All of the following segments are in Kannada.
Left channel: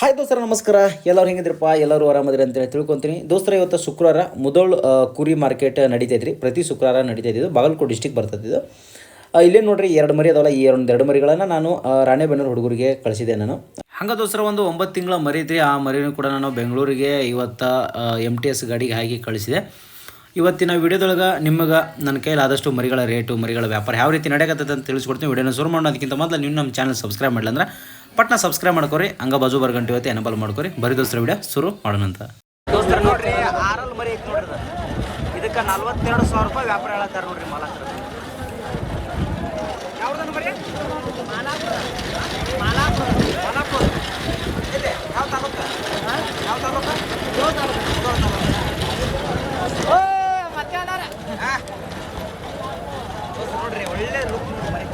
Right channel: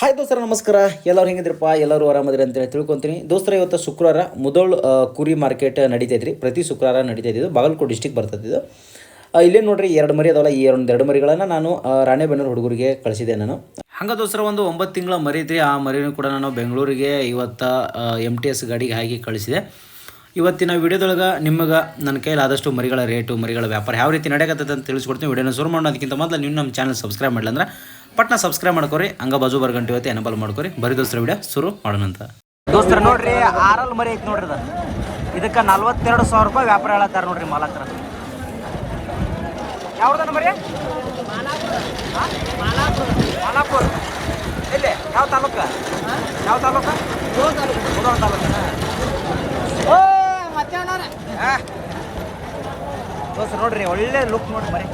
ಹಾಯ್ ದೋಸ್ತರ ನಮಸ್ಕಾರ. ಎಲ್ಲರೂ ಹೆಂಗಿದ್ರಪ್ಪ? ಎಲ್ಲರೂ ಆರಾಮದ್ರಿ ಅಂತೇಳಿ ತಿಳ್ಕೊತೀನಿ. ದೋಸ್ತರ ಇವತ್ತು ಶುಕ್ರವಾರ ಮುದೋಳ್ ಕುರಿ ಮಾರ್ಕೆಟ್ ನಡೀತೈತ್ರಿ. ಪ್ರತಿ ಶುಕ್ರವಾರ ನಡೀತೈತಿದ್ದು ಬಾಗಲಕೋಟೆ ಡಿಸ್ಟಿಕ್ ಬರ್ತೈತಿದ್ದು. ಇಲ್ಲೇ ನೋಡ್ರಿ 2 ಮರಿ ಅದಾವಲ್ಲ. ಈ 2 ಮರಿಗಳನ್ನು ನಾನು ರಾಣೆಬೆನ್ನೂರು ಹುಡುಗರಿಗೆ ಕಳಿಸಿದೆ ನಾನು. ಹಂಗೆ ದೋಸ್ತರ ಒಂದು 9 ತಿಂಗಳ ಮರಿ ಐತ್ರಿ. ಆ ಮರಿನೂ ಕೂಡ ನಾನು ಬೆಂಗಳೂರಿಗೆ ಇವತ್ತು MTS ಗಾಡಿಗೆ ಹಾಕಿ ಕಳಿಸಿದೆ. ಇವತ್ತಿನ ವಿಡಿಯೋದೊಳಗೆ ನಿಮಗೆ ನನ್ನ ಕೈಲಿ ಆದಷ್ಟು ಮರಿಗಳ ರೇಟು, ಮರಿಗಳ ವ್ಯಾಪಾರ ಯಾವ ರೀತಿ ನಡೆಯಕತ್ತೈತೆ ಅಂತ ತಿಳಿಸ್ಕೊಡ್ತೀನಿ. ವಿಡಿಯೋನ ಶುರು ಮಾಡೋದಕ್ಕಿಂತ ಮೊದಲು ನೀವು ನಮ್ಮ ಚಾನಲ್ ಸಬ್ಸ್ಕ್ರೈಬ್ ಮಾಡಲಿ ಅಂದ್ರೆ ಪಟ್ನ ಸಬ್ಸ್ಕ್ರೈಬ್ ಮಾಡ್ಕೊರಿ. ಹಂಗೆ ಬಾಜು ಬರ್ಗಂಟು ಇವತ್ತು ಎನಬಲ್ ಮಾಡ್ಕೊರಿ. ಬರೀ ದೋಸ್ತರ ವಿಡಿಯೋ ಶುರು ಮಾಡೋಣ ಅಂತ. ದೋಸ್ತರ ನೋಡ್ರಿ, ಆರಲ್ ಮರಿ ಐತೆ ನೋಡ್ರಿ. ಅದು ಇದಕ್ಕೆ 42,000 ರೂಪಾಯಿ ವ್ಯಾಪಾರ ಹೇಳತ್ತಾರೆ ನೋಡ್ರಿ ಮಾಲಕರ. ಯಾವ್ದು ಮರಿ? ಮಾಲಾಪುರ. ಎಲ್ಲಿ? ಯಾವ ತಾಲೂಕ? ಯಾವ ತಾಲೂಕ? ಮುದೋಳ ತಾಲೂಕು. ದೋಸ್ತರ ನೋಡ್ರಿ, ಒಳ್ಳೆ ಲುಕ್ ನೋಡಿ ಮರಿ.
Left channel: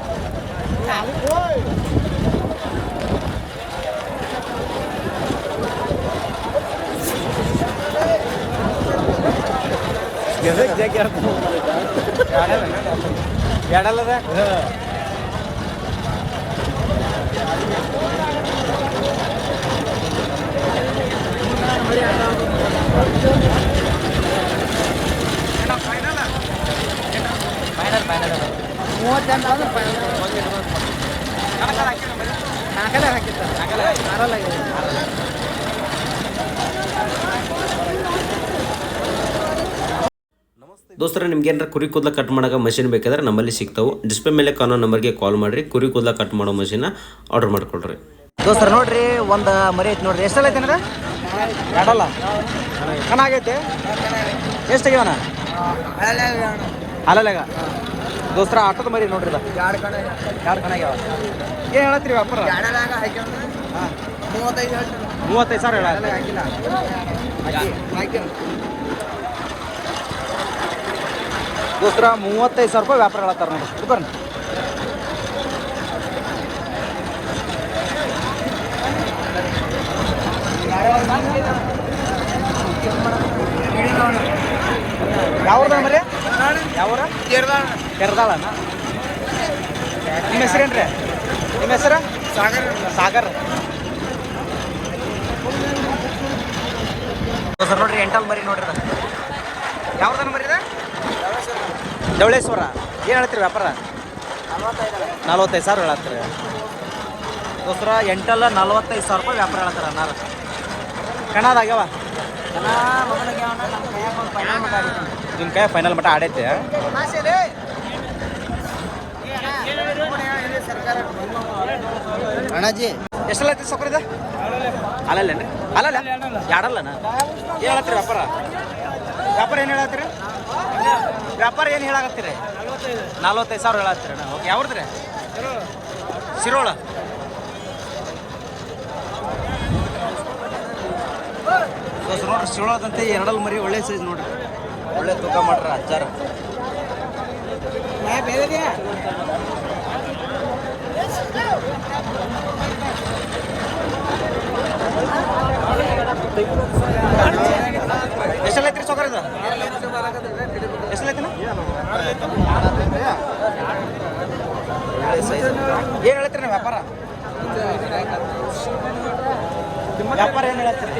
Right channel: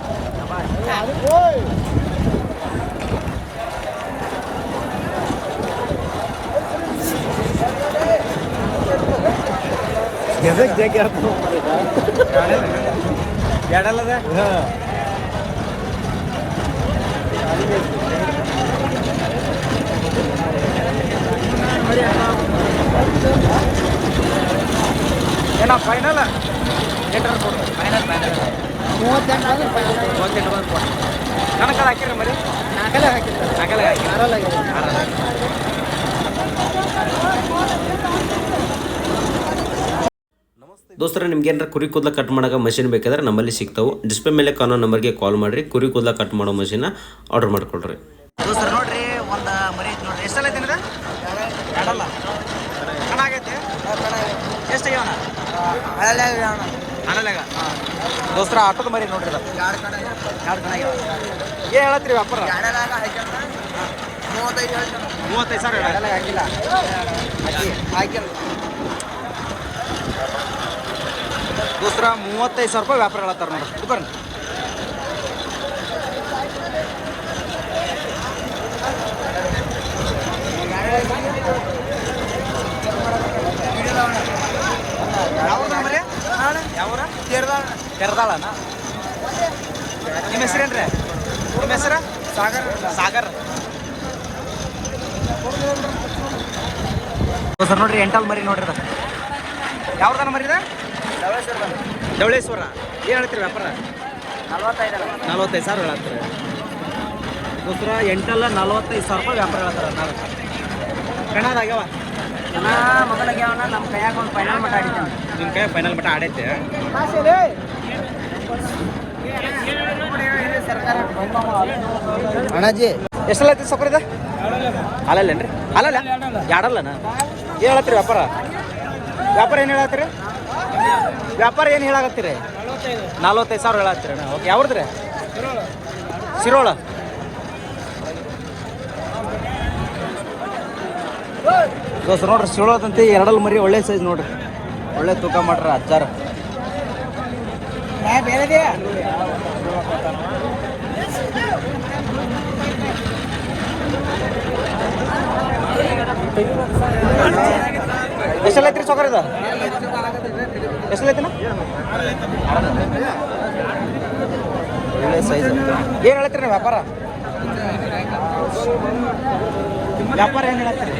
ಏನೋ ಫೈನಲ್ 38 ಬಂದ್ರೆ ಫೈನಲ್ 38 ಬಂದು ಕೊಡಿ. ಕಣಕಾಲ ಹಾಕಿರಿ ಮರಿ? ನಾಲ್ಕಲೆ ಹಾಕಿರ್ತಾರೆ. ನಾಲ್ಕಲೆ ಹಾಕಿ ಆರಲ್ಲಾಗಿದೆ. ದೋಸ್ತರ ನಿಮ್ಗೆ ಏನಾರ ಕುರಿ ಕೂದಲ ಕಟ್ ಮಾಡೋಕೆ ಮಷಿನ್ ಬೇಕಾದ್ರೆ ನಮ್ಮಲ್ಲಿ ಸಿಗ್ತಾವೆ. ಡಿಸ್ಪ್ಲೇ ಮೇಲೆ ಕಾನೋ ನಂಬರ್ಗೆ ಕಾಲ್ ಮಾಡಿರಿ. ಕುರಿ ಕೂದಲ ಕಟ್ ಮಾಡೋ ಮಷಿನ್ನ ಆರ್ಡರ್ ಮಾಡ್ಕೊಳ್ರಿ. ದೋಸ್ತರ ನೋಡ್ರಿ, ಒಂದು ಮರಿ ಐತಿ ನೋಡ್ರಿ. ಎಷ್ಟಲ್ಲ ಐತೆ ಅಂದ್ರೆ? ಎರಡಲ್ಲ ಚೆನ್ನಾಗೈತೆ. ಎಷ್ಟು ಆಗ್ಯಾವಣ? ಅಲ್ಲಾಗ ದೋಸ್ತರ ಆಟೋದ ಮರಿ ನೋಡ್ರಿ. ಅದು 2 ಕಣ ಆಗ್ಯಾವ. ಏನು ಹೇಳತ್ತೀರಿ ವ್ಯಾಪಾರ? 35 ಸಾವಿರ ಹೇಳ. ದೋಸ್ತರ 35,000 ರೂಪಾಯಿ ವ್ಯಾಪಾರ ಹೇಳತ್ತಾರ ನೋಡ್ರಿ. ಬರ್ರಿ. ಯಾವ್ದ ಮರಿ? ಯಾವ್ರ? ಕೆರದಾಳನ. ನಿಮ್ಮ ಹೆಸರೇನ್ರಿ? ನಿಮ್ಮ ಹೆಸರು? ಸಾಗರ್. ಸರ್ ನೋಡ್ರಿ, ಎಂಟಲ್ ಮರಿ ನೋಡ್ರಿ. ಅದ ಯಾವ್ದನ ಮರಿ? ಧವಳೇಶ್ವರ. ಏನು ಹೇಳ್ತೀರಿ ವ್ಯಾಪಾರ? 45 ಸಾವಿರ ಹೇಳತ್ತೀರಿ. ದೋಸ್ತರ ಎಂಟಲ್ಲ 45,000 ರೂಪಾಯಿ ವ್ಯಾಪಾರ ಹೇಳ್ತಾರೆ. ಅನ್ನಾರು ಕಣದಾಗ್ಯಾವ? ನಮ್ಮ ಕೈಯಾಗ ಒಂದು ಫೈನಲ್ ಮಟ್ಟ ಆಡಿದ್ದಾನೆ. ನಿಮ್ಮ ಕೈ ಫೈನಲ್ ಮಟ್ಟ ಆಡೈತೆ? ಅಣ್ಣಾಜಿ ಎಷ್ಟೆಲ್ಲ ಐತಿ ಸೊಪ್ಪರ? ಇದು ಅಲ್ಲಲ್ಲೇನ್ರಿ? ಅಲ್ಲಲ್ಲ ಯಾಡಲ್ಲನ. ಏನು ಹೇಳತ್ತೀರಿ ವ್ಯಾಪಾರ? ಏನು ಹೇಳತ್ತೀರಿ? ವ್ಯಾಪಾರ ಏನು ಹೇಳಾಕತ್ತೀರಿ? 45 ಸಾವಿರ ಹೇಳತ್ತೀರಿ. ಓಕೆ, ಯಾವ್ದ್ರಿ? ಶಿರೋಳ. ದೋಸ್ತ ನೋಡ್ರಿ, ಶಿರೋಳದಂತೆ 2 ಮರಿ ಒಳ್ಳೆ ಸೈಜ್ ನೋಡ್ರಿ. ಒಳ್ಳೆ ತೂಕ ಮಾಡ್ರಿ ಅಜ್ಜಾರ. ಎಷ್ಟೆಲ್ಲ ಐತ್ರಿ ಸೊಕರ್? ಇದು ಎಷ್ಟೆಲ್ಲ ಐತಿನ? ಒಳ್ಳೆ ಸೈಜ್. ಏನು ಹೇಳ್ತೀರಿ ನೀವು ವ್ಯಾಪಾರ? ಏನು ಹೇಳತ್ತೀರಿ?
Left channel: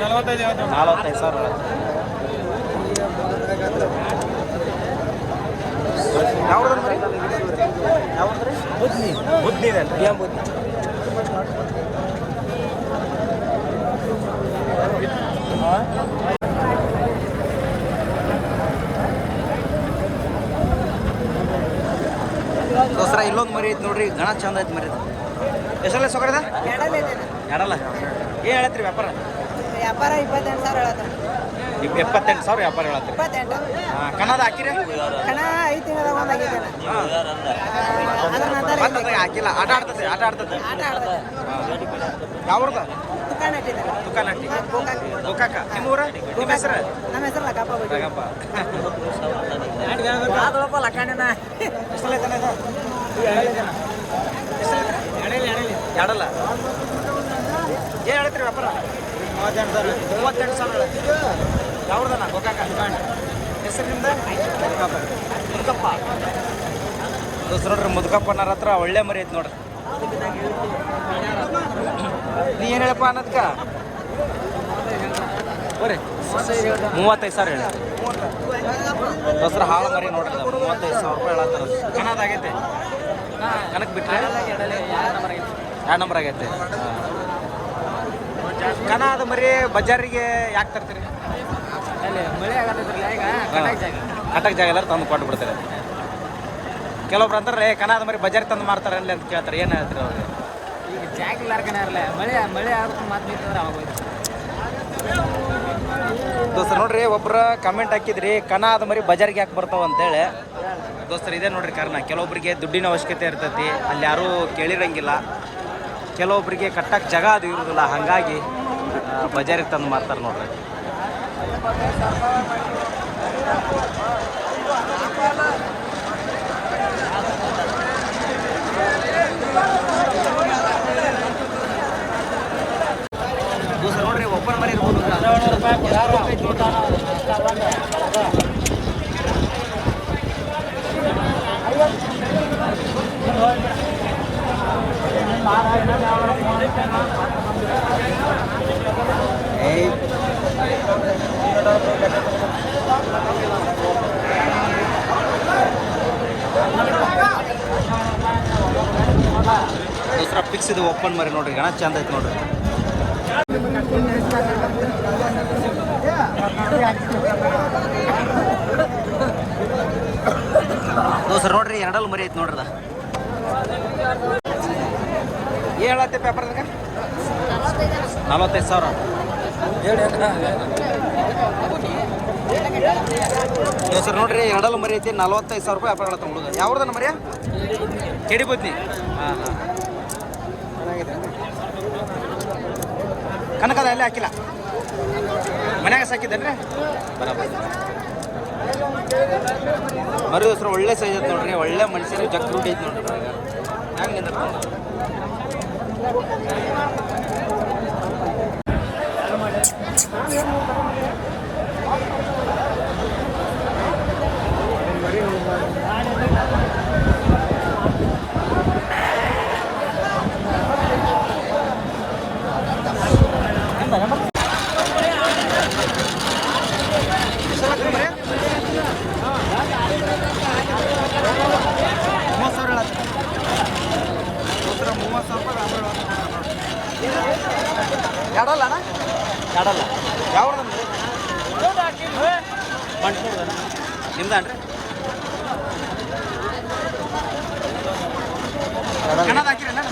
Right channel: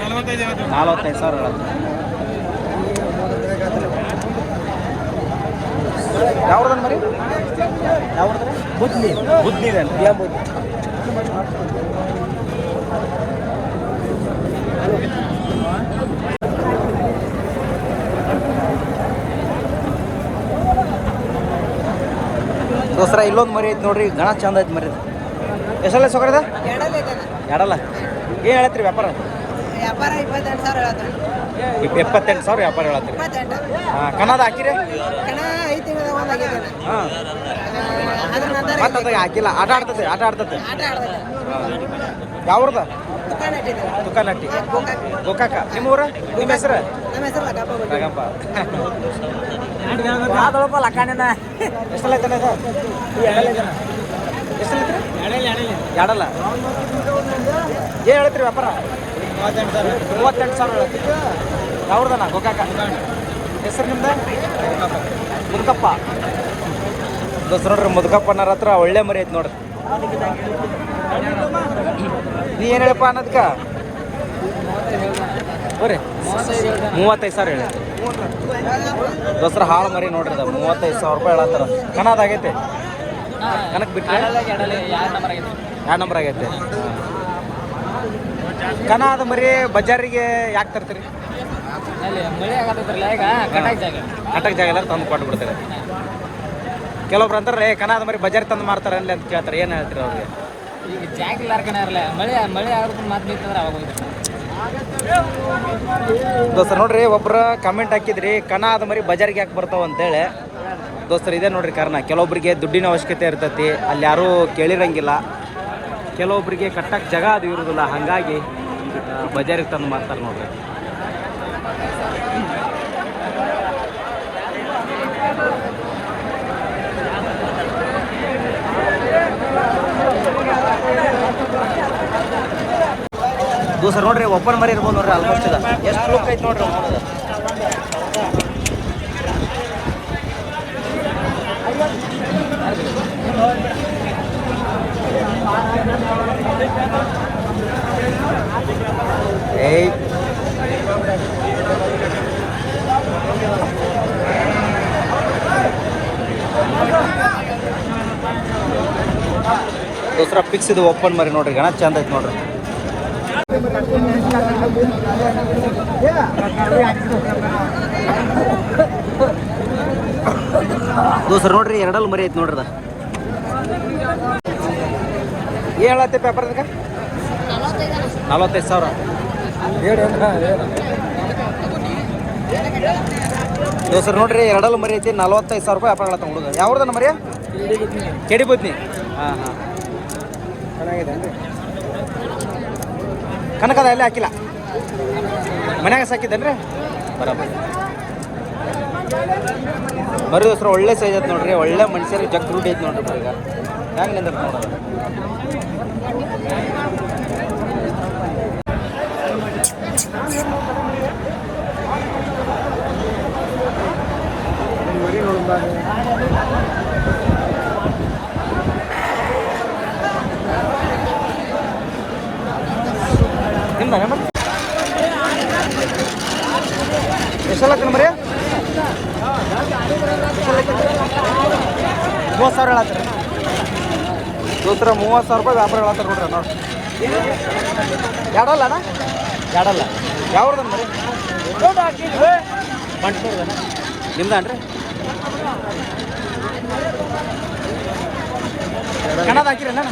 45 ಸಾವಿರ ಹೇಳತ್ತೀರಿ. ಯಾವ್ದನ್ ಮರಿ? ಯಾವ್ದ್ರಿ? ಬುದ್ಧಿ ಇದೇನ್ರಿ? ದೋಸ್ತರ ಇಲ್ಲೊಂದು ಮರಿ ಐತಿ ನೋಡ್ರಿ. ಗಣ ಚಂದ ಐತಿ ಮರಿ. ಎಷ್ಟಲ್ಲ ಸೊಕರದ? ಎರಡಲ್ಲ. ಏನು ಹೇಳತ್ತೀರಿ ವ್ಯಾಪಾರ? 78 ಸಾವಿರ ವ್ಯಾಪಾರ ಹೇಳತ್ತೀರಿ. ಹಾಂ, ಕನ್ನಡ ಹಾಕಿರಿ? ಹಾಂ, ಮತ್ತೆ ಅದಾಗ ಹಾಕಿಲ್ಲ. ಆಟ ಆಡ್ತದೆ. ಯಾವ್ರದ? ತುಕಾನಟ್ಟಿ. ಗೋಕಾಕ. ನಿಮ್ಮ ಊರ? ನಿಮ್ಮ ಹೆಸರು? ಲಗಪ್ಪ. ಎಷ್ಟಲ್ಲ ಐತಾನೆ ಸರ್? ಎಷ್ಟಲ್ಲ ಐತ್ರಿ? ಎರಡಲ್ಲ. ಏನು ಹೇಳ್ತೀರಿ ವ್ಯಾಪಾರ? 38 ಸಾವಿರ ಹೇಳತ್ತೀರಿ. ಯಾವ್ದನ? ಗೋಕಾಕ. ಹೆಸರು ನಿಮ್ದು? ಮುದುಕಪ್ಪ. ದೋಸ್ತ ನೋಡ್ರಿ, ಮುದುಕಪ್ಪನರ ಹತ್ರ ಒಳ್ಳೆ ಮರಿ ಐತಿ ನೋಡ್ರಿ. ನೀ ಏನು ಹೇಳಪ್ಪ ಅನ್ನೋದಕ್ಕೆ? ಬರ್ರಿ 35,000 ಹೇಳಿ ದೋಸ್ತರ ಹಾಳು ಮರಿ ನೋಡ್ರಿ ಅದು 35,000 ರೂಪಾಯಿ ಹೇಳತ್ತಾರ. ಕನ್ನದಾಗೈತೆ ಕನಕ್ ಬಿಟ್ಟರೆ 2 ನಂಬರ್ ಆಗೈತೆ. ಕನ ಅದು ಮರಿ ಬಜಾರಿಗೆ ಯಾಕೆ ತರ್ತೀರಿ? ಮಳೆ ಆಗತ್ತೈತ್ರಲ್ಲ ಈಗ ಕಟಕ್ ಜಾಗ ಎಲ್ಲರೂ ತಂದು ಕೊಟ್ಟು ಬಿಡ್ತಾರೆ. ಕೆಲವೊಬ್ರು ಅಂತಾರೆ ಕನ ಅದು ಮರಿ ಬಜಾರಿಗೆ ತಂದು ಮಾರ್ತಾರೆ ಅಲ್ಲಿ ಅಂತ ಕೇಳ್ತಾರೆ. ಏನು ಹೇಳ್ತೀರಿ ಅವ್ರಿಗೆ? ಈಗ ಜಾಗ ಇಲ್ಲಾರ್ಕನ ಇರಲ್ಲ, ಮಳೆ ಆಗೋದು ಮಾತು ನಿಂತಂದ್ರೆ ಅವಾಗ ಹೋಯ್ತು. ದೋಸ್ತರು ನೋಡ್ರಿ, ಒಬ್ರು ಕಮೆಂಟ್ ಹಾಕಿದ್ರಿ ಕನ ಅದು ಮರಿ ಬಜಾರಿಗೆ ಯಾಕೆ ಬರ್ತಾವ ಅಂತೇಳಿ. ದೋಸ್ತರು ಇದೇ ನೋಡ್ರಿ ಕಾರಣ. ಕೆಲವೊಬ್ಬರಿಗೆ ದುಡ್ಡಿನ ಅವಶ್ಯಕತೆ ಇರ್ತೈತಿ, ಅಲ್ಲಿ ಯಾರೂ ಕೇಳಿರಂಗಿಲ್ಲ. ಕೆಲವೊಬ್ಬರಿಗೆ ಕಟ್ಟಕ್ಕೆ ಜಾಗ ಅದು ಇರೋದಿಲ್ಲ, ಹಾಗಾಗಿ ಬಜಾರಿಗೆ ತಂದು ಮಾರ್ತಾರೆ ನೋಡ್ರಿ. ದೋಸ್ತರು ನೋಡ್ರಿ, ಒಬ್ಬನ ಮರಿ ಇರ್ಬೋದು ನೋಡ್ರಿ. ಆಲ್ಮೋಸ್ಟ್ ಎಷ್ಟು ಲುಕ್ ಐತೆ ನೋಡ್ರಿ. ಏಯ್ ದೋಸ್ರ ಫಿಕ್ಸ್ ಇದು ಓಪನ್ ಮರಿ ನೋಡ್ರಿ, ಗಣ ಚಂದ ಐತೆ ನೋಡ್ರಿ. ದೋಸ್ರ ನೋಡ್ರಿ, 2 ಮರಿ ಐತೆ ನೋಡ್ರಿ. ಏನು ಹೇಳತ್ತೆ ಪೇಪರ್ದಾಗ? 45,000. ದೋಸ್ರ ನೋಡ್ರಿ, 2 ಮರಿ ಐತಿ, 45,000 ರೂಪಾಯಿ ವ್ಯಾಪಾರ ಹೇಳತ್ತ ಹುಡುಗ. ಯಾವ್ದನ ಮರಿ? ಕೆಡಿ ಬದ್ನಿ. ಹಾಂ ಹಾಂ ಕನಕದ ಎಲ್ಲಿ ಹಾಕಿಲ್ಲ, ಮನ್ಯಾಗ ಸಾಕಿದ್ದೇನ್ರಿ? ಬರಬರ ಮರಿ ದೋಸ್ರ ಒಳ್ಳೆ ಸೈಜ್ ಐತೆ ನೋಡ್ರಿ. ಒಳ್ಳೆ ಮನುಷ್ಯರಿಗೆ ಜಗ್ ರೂಢಿ ಐತೆ ನೋಡ್ರಿ. ಈಗ ಹೆಂಗೆ ನಿಂದ ನೋಡೋದು. ಎಷ್ಟಲ್ಲ ಮರಿ? 30,000 ಹೇಳತ್ತಾರೆ ದೋಸ್ರ. 30,000 ರೂಪಾಯಿ ವ್ಯಾಪಾರ ಹೇಳತ್ತಾರೆ ನೋಡ್ರಿ. ನೋಡಿ, 2 ಅಣ್ಣ, 2 ಯಾವ್ದನ್ ಮರಿ? ಬಂಟ್ನೂರ್ದನ ನಿಮ್ದನ್ರಿ? ಕನ್ನಡ ಹಾಕಿರಿ ಅಣ್ಣ?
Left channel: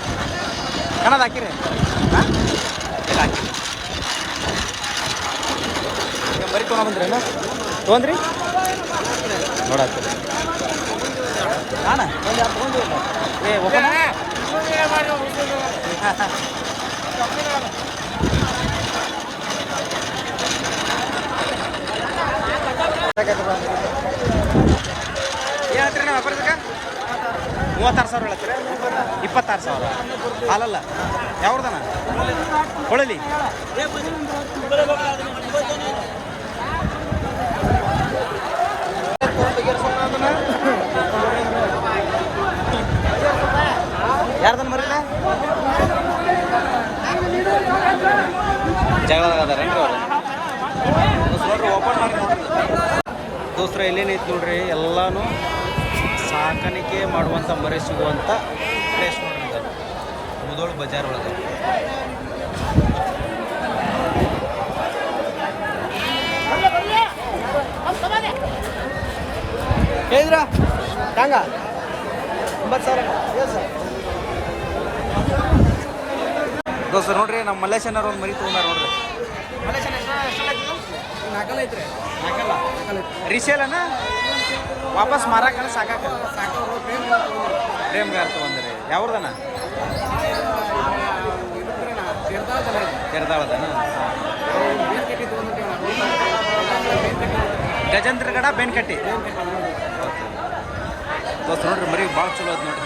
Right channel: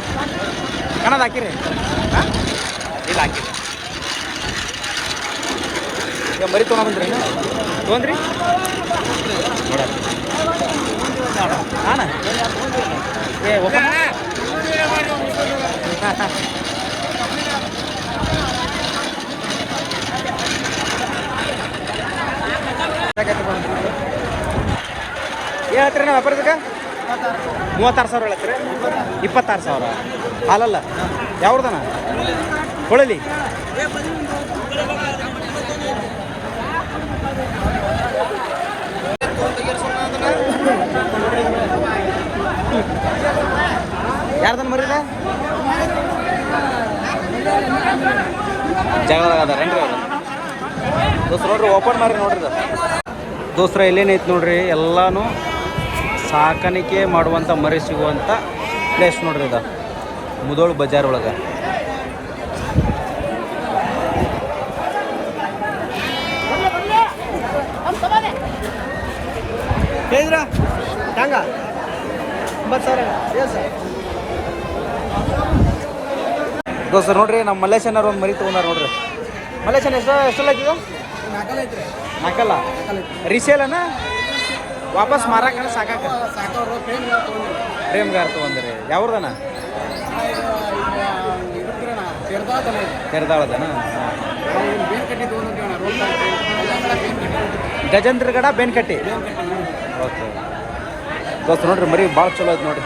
ಕನ್ನಡ ಹಾಕಿರಿ? ಹಾಂ ಇಲ್ಲ ಹಾಕಿಲ್ಲ. ಈಗ ಮರಿ ತೊಗೊಂಡ್ಬಂದ್ರಿ ಅಣ್ಣ? ತೊಗೊಂಡ್ರಿ ನೋಡತ್ತಿ ಹಾಂ ಏ ಓಪನ್ ಏನು ಹೇಳ್ತೀರಿ ನಾವು ವ್ಯಾಪಾರದಾಗ? 36,000 ಹೇಳತ್ತೀರಿ? 26,000 ಹಾಲಲ್ಲ? ಯಾವ್ದನ ಕೊಳಲಿ? ಯಾರ್ದನ್ ಮರಿದ? ಜಗಳ ಅದಾರೇನ್ರಿ ಅವ್ರು? ದೋಸ್ರ ನೋಡ್ರಿ, ಓಪನ್ ಮಾರಿ ನೋಡ್ರಿ. ದೋಸ್ರ ಇಲ್ಲೇನೈತಿ ನೋಡ್ರಿ, ಎಲ್ಲಾನು ಸಾಕಾಣಿಕೆ ಮಾಡುವಂಥ ಮರಿ ಸಿಗುವಂಥ ಪ್ಲೇಸ್ ನೋಡ್ರಿ. ಇದು ಮುದೋಳ್ ಬಜಾರ್ ಒಳಗೆ. ದೋಸ್ತ ನೋಡ್ರಿ, ನಮ್ಮ ಮಲ್ಲೇಶನವ್ರು ಒಂದು ಮರಿ ತೊಗೊಂಡಾರ ನೋಡ್ರಿ. ಮಲ್ಲೇಶನ್ ಎಷ್ಟಲ್ಲ ಐತಿದ? 4 ಐತ್ರಿ. 4 ರೀಸೇಲನ ವಾಪಸ್ ಮಾರಾಕಣ ಸಾಕಾಕ? ಪ್ರೇಮ್ಗಾರ ತೊಗೊಂಡ್ರಿ. ಯಾವ್ದನ? ಕೆರ್ದಾಳದನ? ಗಜೇಂದ್ರಗಡ ಬೇನ್ಕಟ್ಟಿ. ಓಕೆ ದೋಸ್ತ ನೋಡ್ರಿ, ಮರಿ ಭಾಳ ಚಲೋ ಐತೆ ನೋಡ್ರಿ.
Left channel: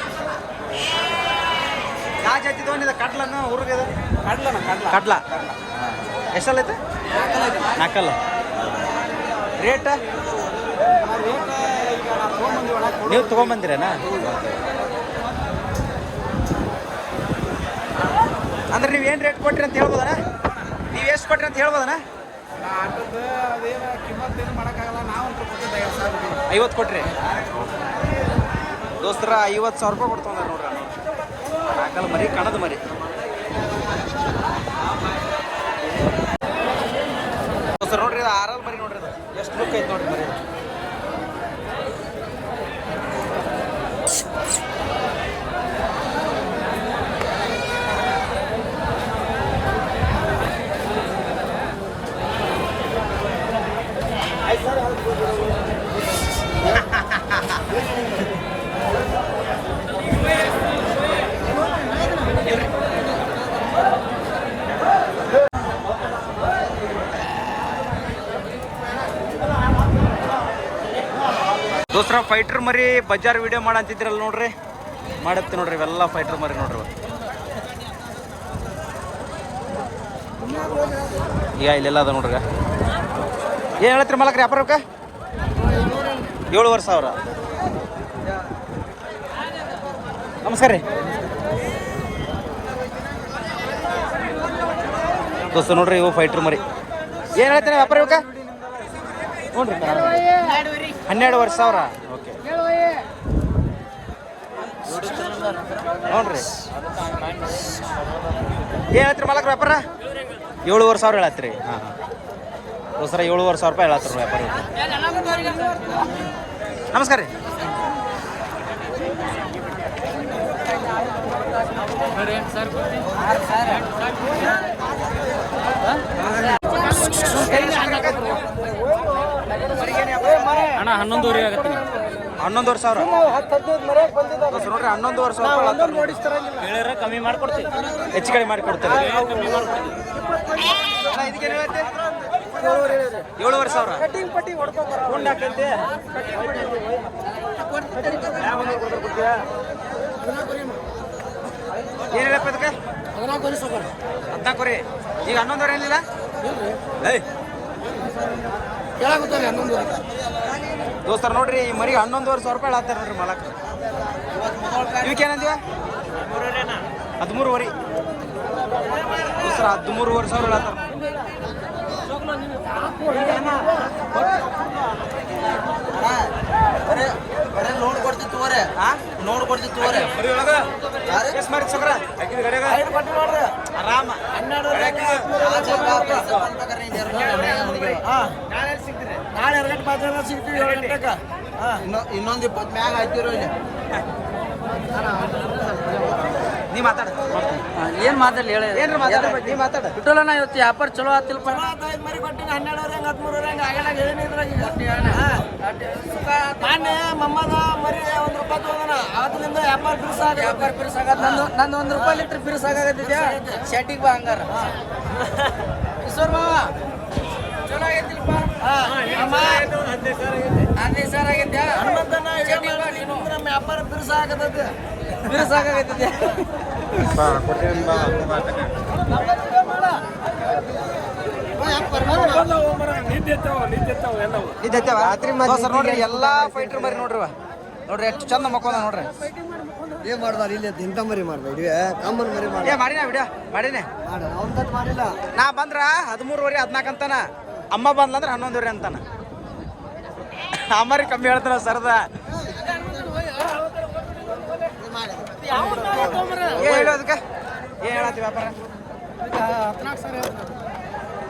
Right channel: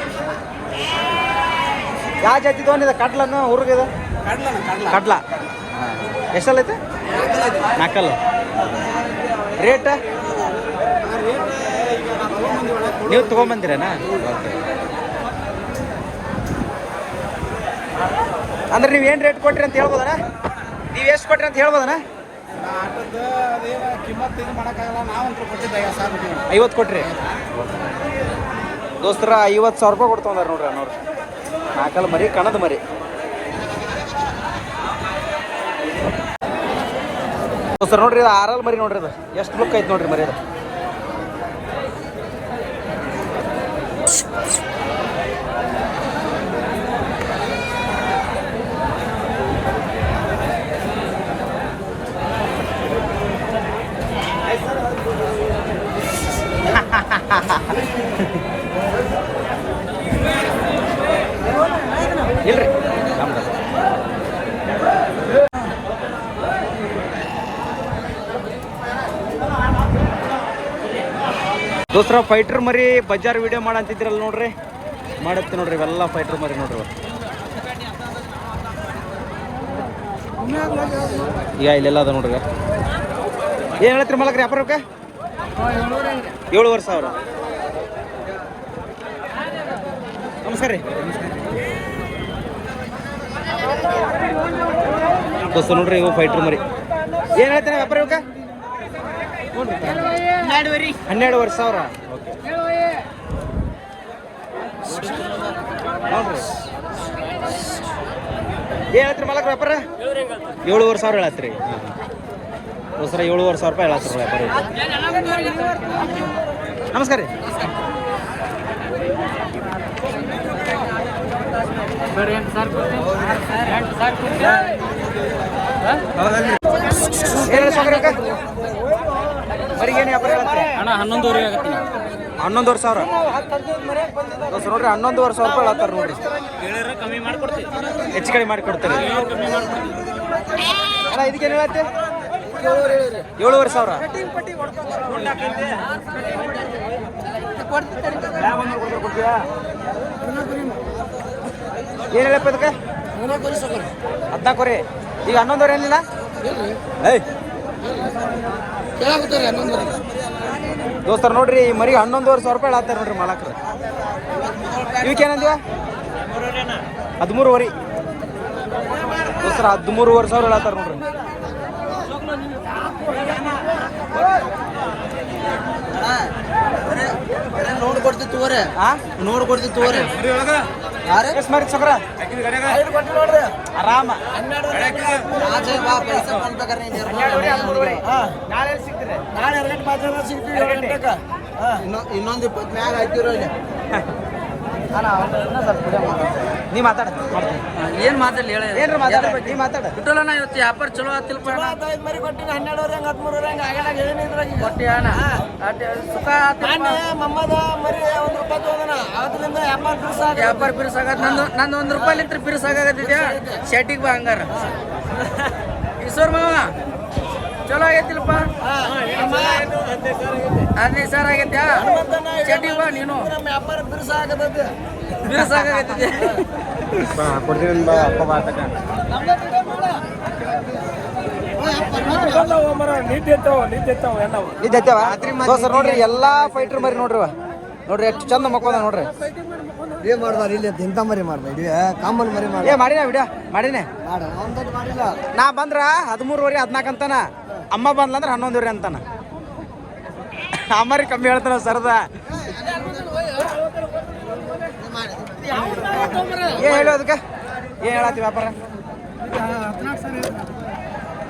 ಯಾವ ಜಾತಿ ತೊಗೊಂಡಿದೆ? ಕಡ್ಲನ್ನು ಊರಿಗಿದೆ? ಕಡ್ಲ. ಹಾಂ ಎಷ್ಟಲ್ಲ ಐತೆ? 4 ರೇಟ ನೀವು ತೊಗೊಂಬಂದಿರೇನಾ? ಓಕೆ. ಅಂದ್ರೆ ನೀವು ಏನು ರೇಟ್ ಕೊಟ್ರಿ ಅಂತ ಹೇಳ್ಬೋದಣ್ಣ? ನೀವು ಎಷ್ಟು ಕೊಟ್ರಿ ಅಂತ ಹೇಳ್ಬೋದಣ್ಣ? ಆಟದ ಅದೇನು ಕಿಮ್ಮತ್ತು ಇದು ಮಾಡೋಕ್ಕಾಗಲ್ಲ, ನಾವಂತೂ ಕೊಟ್ಟಿದ್ದೆ 50,000 50 ಕೊಟ್ರಿ ದೋಸ್ತರ. 50,000 ರೂಪಾಯಿ ಕೊಡ್ತಂದಾರ ನೋಡ್ರಿ ಅನ್ನೋರು. ನಾಲ್ಕಲ್ಲ ಮರಿ, ಕಣದ ಮರಿ. ದೋಸ್ತರ ನೋಡ್ರಿ, ಇದು 6 ಮರಿ ನೋಡ್ರಿ. ಇದು ಎಷ್ಟು ಬುಕ್ ಐತೆ ನೋಡ್ರಿ ಮರಿ. ಇದು ಇಲ್ರಿ ದೋಸ್ತರ ಫೈಟರ್ ಮರಿ ಬಜಾರ್ ವಿಡಿಯೋ ಮಾಡಂತಿದ್ರಲ್ಲ ನೋಡ್ರಿ, ಮಾಡತ್ತೆ ನೋಡ್ರಿ. ಇವೆಲ್ಲ ಫೈಟರ್ ಮರಿ ನೋಡ್ರಿ. ಈಗ ಇಲ್ಲೆಲ್ಲ ಅದ ನೋಡ್ರಿ. ಏನು ಹೇಳತ್ರಿ ಮಲಕ್ರಿ ವ್ಯಾಪಾರಕ್ಕೆ? 7,500. ನಮಸ್ಕಾರ ರೀ ದೋಸ್ತ. ನೋಡ್ರಿ ಇವು ಫೈಟರ್ ಮರಿ. ಏನು ಹೇಳ್ತೀನಿ ವ್ಯಾಪಾರ ಇವಕ್ಕ? ನೋಡ್ರಿ 12,500. ಓಕೆ ನೋಡ್ರಿ. ಏನು ಹೇಳ್ತೀರಿ ಮಲಕ್ರಿ ವ್ಯಾಪಾರ? 7,500 ಹೇಳತ್ರಿ. ಹಾಂ ಹಾಂ ದೋಸ್ತರ 7,500 ರೂಪಾಯಿ ಹೇಳತ್ರಿ ವ್ಯಾಪಾರ ಇವತ್ತು. ನಮಸ್ಕಾರ ರೀ. ಅಣ್ಣ 11,500 ಆಗತ್ತೆ. 11,500 ದೋಸ್ತ ನೋಡ್ರಿ. 11,500 ರೂಪಾಯಿ ಹೇಳತ್ತಾರ ನೋಡ್ರಿ. ಕಮ್ಮಿ ಮಾಡ್ಕೊಡ್ತೀವಿ, ಹೆಚ್ಚು ಕಡಿಮೆ ಮಾಡಿ ಕೊಡ್ತಾರೆ ಅಣ್ಣ. ಇದಕ್ಕೇನು ಹೇಳತ್ತೆ? 7,500. ಏನು ಹೇಳಪ್ಪ ಇದಕ್ಕೆ? 14 ರೀ. ಈಗ 11,500 ಏನಿಲ್ಲ? ಏಯ್ ದೋಸ್ತರ ನೋಡ್ರಿ, ಈ ಮರಿಗೆ 11,500 ರೂಪಾಯಿ ಹೇಳತ್ತಾರ ನೋಡ್ರಿ ಮಾಲಕ್ರ. ಇವಕ್ಕೇನಂದಿವ? 13,500 ದೋಸ್ತರ. 13,500 ಹೇಳತ್ತಾರ ನೋಡ್ರಿ. ನೋಡ್ಕೊಡ್ತಿತ್ತು ಎಷ್ಟು ಮಾಡಿ ಸೊಕ್ರ ಆರಾಮ. ನಾಳೆ 2 ಗಂಟೆ ಮಾತ್ರ ಸಿಗ್ತೀವಿ. 7 ಗಂಟೆಗೆ ಇನ್ನೊಂದು 20 ಮ್ಯಾಗ ಹಾಕಿರೋ ಇಲ್ಲಿ. ನೀ ಮಾತಾಡ. ಏನು ಮಾತಾಡಲಿ ಹೇಳಿ? ಏನ್ರಿ ಮಾತಾಡ? ನೀ ಮಾತಾಡ. ಬಿಟ್ಟೋಣ ಇವತ್ತು ವ್ಯಾಪಾರ ಚಲೋ ಆತಿಲ್ಪ. ಮರಿ ಕೊಟ್ಟಿನಿ 12,000 13,000 ಹಂಗೆ ಆಗಲ್ಲ. ಹೇಳಿದ್ರಾಗ ಸುಖ ಮಮ್ಮದ ಮರಿ 1 ರೂಪಾಯಿ ತಗೋದನ. ಅವತ್ತಿನಿಂದ ವ್ಯಾಪಾರ ಬಿರ್ಸಾಗತ್ತ. ನಂದು 1 ರೂಪಾಯಿಲಿಂತ್ರ ಬಿರ್ಸಾಗತ್ತಿದ್ಯಾ? ಶೆಟ್ಟಿಗೆ ಬಾ ಹಂಗಾರ. ಈಶ್ವರ್ ಮಾವ ಚಲೋ ಆಗೈತಿಲ್ಪ. 15,000 ಆಗೈತ್ಯಾ? ಶೆಟ್ಟಿಗೆ ಬಾ ನೀನು. ನಮ್ಮ ವ್ಯಾಪಾರ ಬಿರ್ಸಾಗತ್ತೆ. ಬಿರ್ಸಾಗತ್ತಿದ್ಯಾ? ನೋಡ್ರಿ ಎಲ್ಲಾ ಫೈಟರ್ ಮರಿ ನೋಡ್ರಿ. ನೋಡ್ರಿ ಎಷ್ಟು ಚಂದ ಮಕ್ಕೊಂದ ನೋಡ್ರಿ. ಏನ್ ಮಾಡ್ದಾರ ಇಲ್ಲಿ? ಇಂಥ ಮರಿ ಮಾಡ್ಬೇಡಿ, ಕಾಮನ್ ಮರಿ ಮಾಡಿ. ಮಾಡಿನ ವಿಡಿಯೋ ಮಾಡಿನೇ ಮಾಡಿಲ್ಲ. ನಾ ಬಂದ್ರ 13,500 14 ಅಂತಾನ. ಅಮ್ಮ ಬಂದ್ಲಂದ್ರ 11,500 ಅಂತಾನ. ಅಮ್ಮರಿ ಕಮ್ಮಿ ಹೇಳ್ತಾನ ಸರ್ದ. ಏನ್ ಹೇಳು ಅದಕ್ಕೆ? ಏನ್ ಹೇಳತ್ತಿ ವ್ಯಾಪಾರ?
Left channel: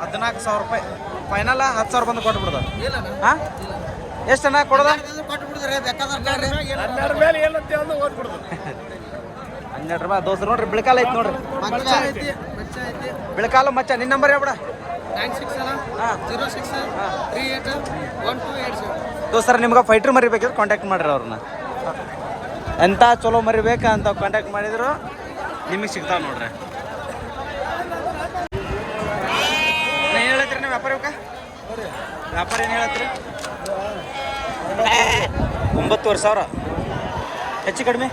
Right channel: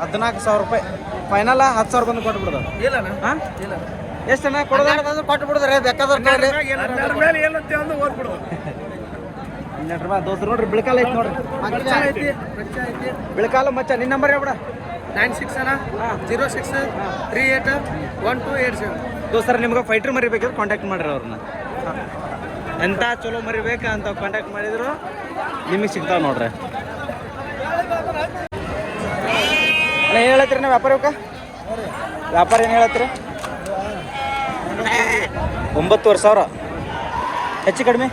14,000 ರೂಪಾಯಿ ಫೈನಲ್. 10,000 ಬಂದು ಕೊಟ್ಟು ಬಿಡ್ದ. ಹಾ ಎಷ್ಟನ್ನ ಕೊಡೋದ? ಕೊಟ್ಟು ಬಿಡ್ತಾರೆ. ಬೇಕಾದ್ರೆ 12 ರೂಪಾಯಿ ದೋಸ್ತ. ನೋಡ್ರಿ ಬಿಳ್ಕಾಲ ಐತಿ ನೋಡ್ರಿ. ಬಿಳ್ಕಾಲ ಮಚ್ಚ. ನಿನ್ನ ನಂಬರ್ ಹೇಳ್ಬಿಡ. 9606381287. ದೋಸ್ತರ ನಿಮ್ಗೆ ಫೈಟರ್ ಮರಿ ಬೇಕಿದ್ರೆ ಕಾಂಟ್ಯಾಕ್ಟ್ ಮಾಡ್ರಿ ಅವ್ರನ್ನ. ಎಂಥ ಚಲೋ ಮರಿ ಬೇಕಾ ಅಂತ ಕಾಂಟ್ಯಾಕ್ಟ್ ಮಾಡಿದ್ರು ನಿಮಗೆ ಸಿಗ್ತಾವ ನೋಡ್ರಿ. ಏನು ಹೇಳತ್ತೀರಿ ನೀವು ವ್ಯಾಪಾರ ಇವಕ್ಕ? ವ್ಯಾಪಾರ ಏನು ಹೇಳತ್ತೀರಿ? 9,500. ಹೆಚ್ಚು ಕಡಿಮೆ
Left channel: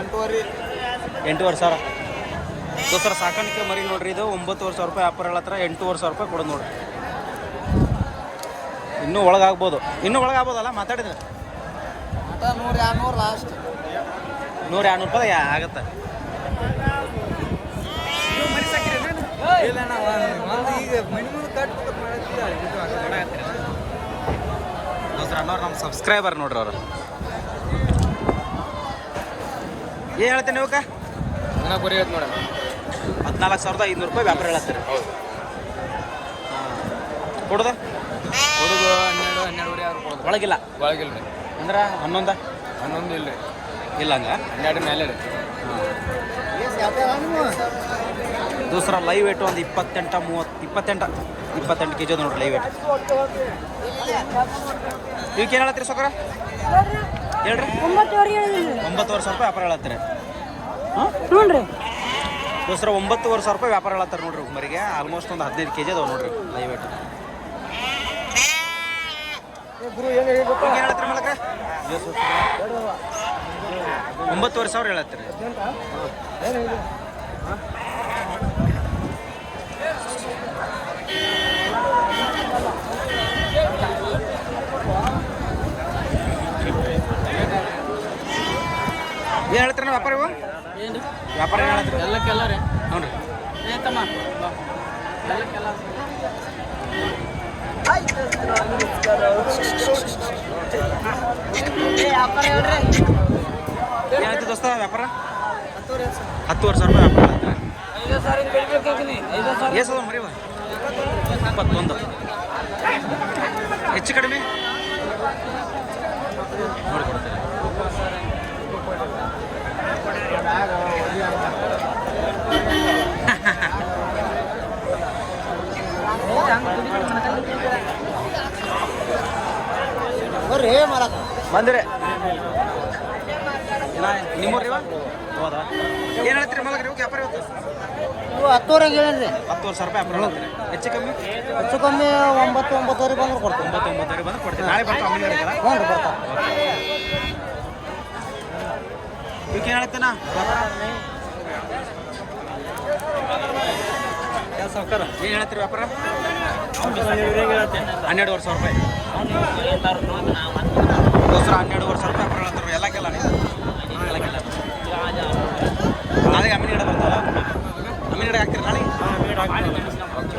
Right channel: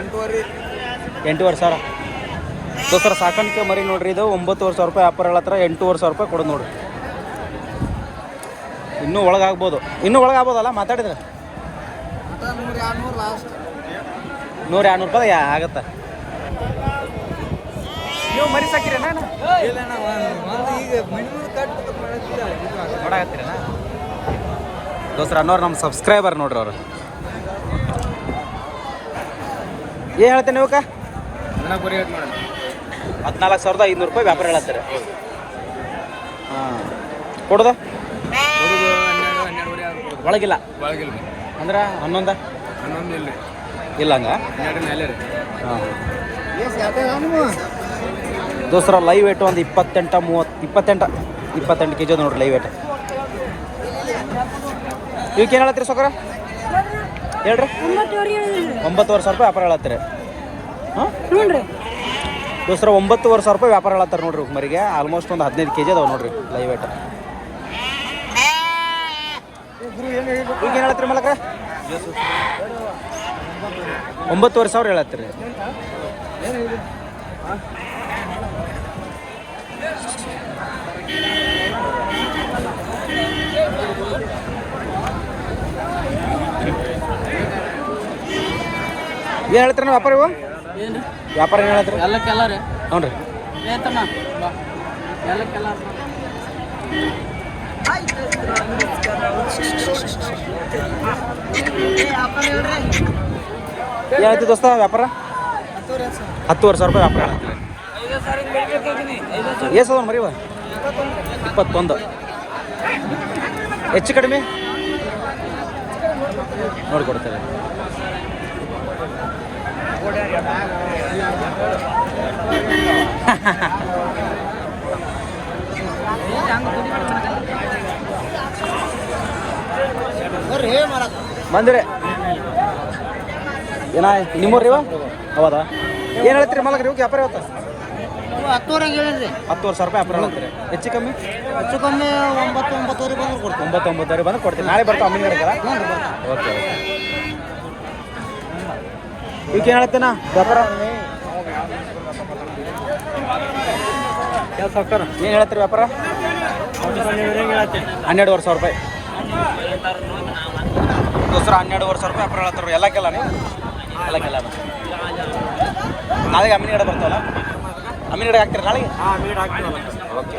8,500. ದೋಸ್ತರ ಸಾಕಾಣಿಕೆ ಮರಿ ನೋಡ್ರಿ. ಇದು 9,500 ರೂಪಾಯಿ ವ್ಯಾಪಾರ ಹೇಳತ್ರ. 8,500 ರೂಪಾಯಿ ಕೊಡೋದು ನೋಡ್ರಿ. ಇನ್ನೂ ಒಳಗಾಗ್ಬೋದು. ಇನ್ನೂ ಒಳಗಾಗ್ಬೋದಲ್ಲ ಮಾತಾಡಿದ್ರೆ? 100-200 ರೂಪಾಯಿ ಆಗತ್ತೆ. ನೀವು ಮರಿ ಸಾಕಿರಿ? ದೋಸ್ರ ಅನ್ನೋರು ನಮ್ಮ ಸಬ್ಸ್ಕ್ರೈಬರ್ ನೋಡ್ರಿ ಅವರು. ಏನು ಹೇಳ್ತೇನೆ ಇವಕ್ಕ? 14,500 ರೂಪಾಯಿ ವ್ಯಾಪಾರ ಹೇಳತ್ತಾರೆ. ಹಾಂ, ಕೊಡೋದ ಒಳಗಿಲ್ಲ ಅಂದ್ರೆ 11 ಇಲ್ಲ ಹಂಗ. ಹಾಂ ದೋಸ್ರ ಲೈವ್ ವೇಟು ಒಂದು 28 ಕೆಜಿ ನೋಡ್ರಿ ಲೈವ್ ವೇಟ್. ಇವಕ್ಕೆ ಏನು ಹೇಳತ್ತೀರಿ ಸೊಕರ? ಹೇಳ್ರಿ. 9,500 ರೂಪಾಯಿ ವ್ಯಾಪಾರ ಹೇಳತ್ತೀರಿ. ಹಾಂ ದೋಸ್ರ 9,500 ರೂಪಾಯಿ ವ್ಯಾಪಾರ ಹೇಳತ್ತಾರೆ ನೋಡ್ರಿ ಮರಿಗೆ. ಆಲ್ಮೋಸ್ಟ್ ಒಂದು 15 ಕೆಜಿ ಅದಾವೆ ನೋಡ್ರಿ ಲೈವ್ ವೇಟ್. ಇವಕ್ಕೆ ಏನು ಹೇಳತ್ತೀರಿ ಮಲಕ್ರ? 9,500 ಹೇಳತ್ತೀರಿ. ಏನು ಹೇಳ್ತೀರ ವ್ಯಾಪಾರ ಇವು? ಏನು ವ್ಯಾಪಾರ ಏನು ಹೇಳ್ತೀರಿ? ಎಲ್ಲಕ್ಕೆಲ್ಲ ರೀ. ಹ್ಞೂ ರೀ. ಏತಮ್ಮ ಬಾ ಎಲ್ಲಕ್ಕೆಲ್ಲ ಏನು ಹೇಳ್ತೀವಿ ದೋಸ್ತ ವ್ಯಾಪಾರ? 10,500 ರೂಪಾಯಿ ವ್ಯಾಪಾರ ಹೇಳ್ತೀರಿ. ಏಸದ ಮರಿವ? 21. ಹೆಚ್ಚು ಕಡಿಮೆ ನೋಡಿಕೊಡ್ತಾರೆ. ಬಂದ್ರಿ ಏನ ನಿಮ್ಮೂರ್ರಿ ಇವ? ಹೌದಾ? ಏನು ಹೇಳ್ತೀರಿ ಮಲಗ್ರಿ ಇವಾಗ ವ್ಯಾಪಾರ ಇವತ್ತು? 10,500 ರೂಪಾಯಿ ವ್ಯಾಪಾರ ಹೇಳ್ತೀರಿ. ಹೆಚ್ಚು ಕಮ್ಮಿ? ಹೆಚ್ಚು ಕಮ್ಮಿ 9,900 ಬಂದ್ರೆ ಕೊಡ್ತೀನಿ. 9,900 ಬಂದ್ರೆ ಕೊಡ್ತೀನಿ. ನಾಳೆ ಬರ್ತಾವ ಅಮ್ಮಿನ ಕಡೆಗೆಲ್ಲ? ಓಕೆ. ಇವಕ್ಕೆ ಏನು ಹೇಳ್ತೇನ ವ್ಯಾಪಾರ? ಏನು ಹೇಳ್ತೀರಿ ವ್ಯಾಪಾರ? 12,500 ರೂಪಾಯಿ ದೋಸ್ರ. 12,500 ರೂಪಾಯಿ ವ್ಯಾಪಾರ ಹೇಳ್ತಾರ ಎಲ್ಲಕ್ಕೆಲ್ಲ ನೀವು? ಎಲ್ಲಕ್ಕೆಲ್ಲ ನಾಳೆಗೆ ಅಮ್ಮಿನ ಕಡೆ ಬರ್ತಾವಲ್ಲ? ಅಮ್ಮಿನ ಕಡೆ ಹಾಕ್ತೀರಿ ನಾಳೆಗೆ? ಓಕೆ.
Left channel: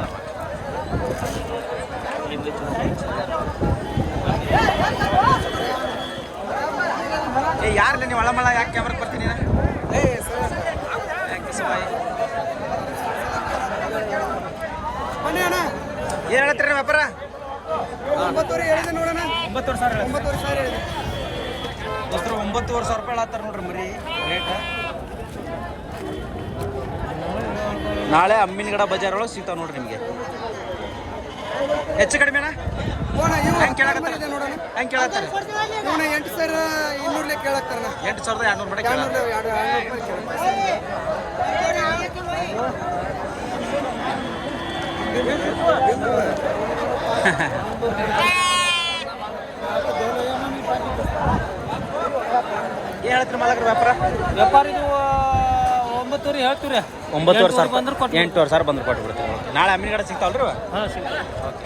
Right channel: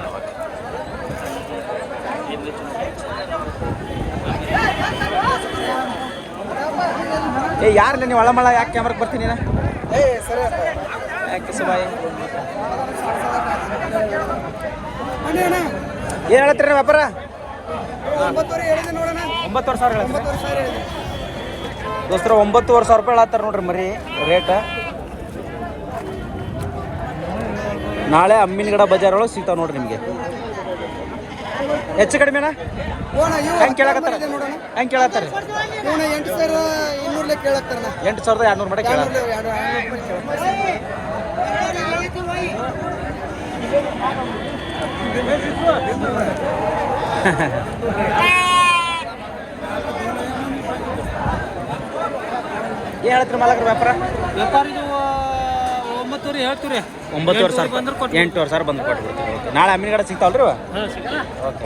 ಏ ಯಾರಿಲ್ಲ ನೀವು ಒಳಮಳ ಯಾಕೆ ಕ್ಯಾಮ್ರಕ್ಕೆ ಬರ್ತೀನಿ? ಯಾಕೆ ಸುಬಾಯಿ ಏನು ಹೇಳ್ತೀರಿ ವ್ಯಾಪಾರ? 9,500 ದೋಸ್ತರ 9,500 ರೂಪಾಯಿ ಹೇಳತ್ತಾರೆ ನೋಡ್ರಿ ಮರಿ ರೇಟ್. ನಾಳೆ ಅಮ್ಮಿನಗಡ ಬಜಾರ್ ಒಳಗೆ ಸಿಗ್ತಾವ ನೋಡ್ರಿ ನಿಮಗೆ. ಹೆಚ್ಚು ಕಡಿಮೆನಾ? ಹೆಂಗೆ ಕೇಳಕತ್ತಾರ? ಹೆಂಗೆ ಕೇಳತ್ತಾರೆ? 8,200 ಕೇಳಕ್ತಾರಣ. 8,200 ಮಟ್ಟ ಕೇಳ. ಏನು ಹೇಳ್ತೀರಿ ಮಾಲಕರ ವ್ಯಾಪಾರ? ವ್ಯಾಪಾರ 9,000 ಹೇಳ್ತೀರಿ. 9,500 8,200 ಬಂದ್ರೆ ಕೊಟ್ಬಿಡ್ತೀವಿ. ಓಕೆ. ನಾಳೆ ಅಮ್ಮಿನ ಕಡೆ ಸಿಗ್ತಾವಲ್ರಿ? ಓಕೆ.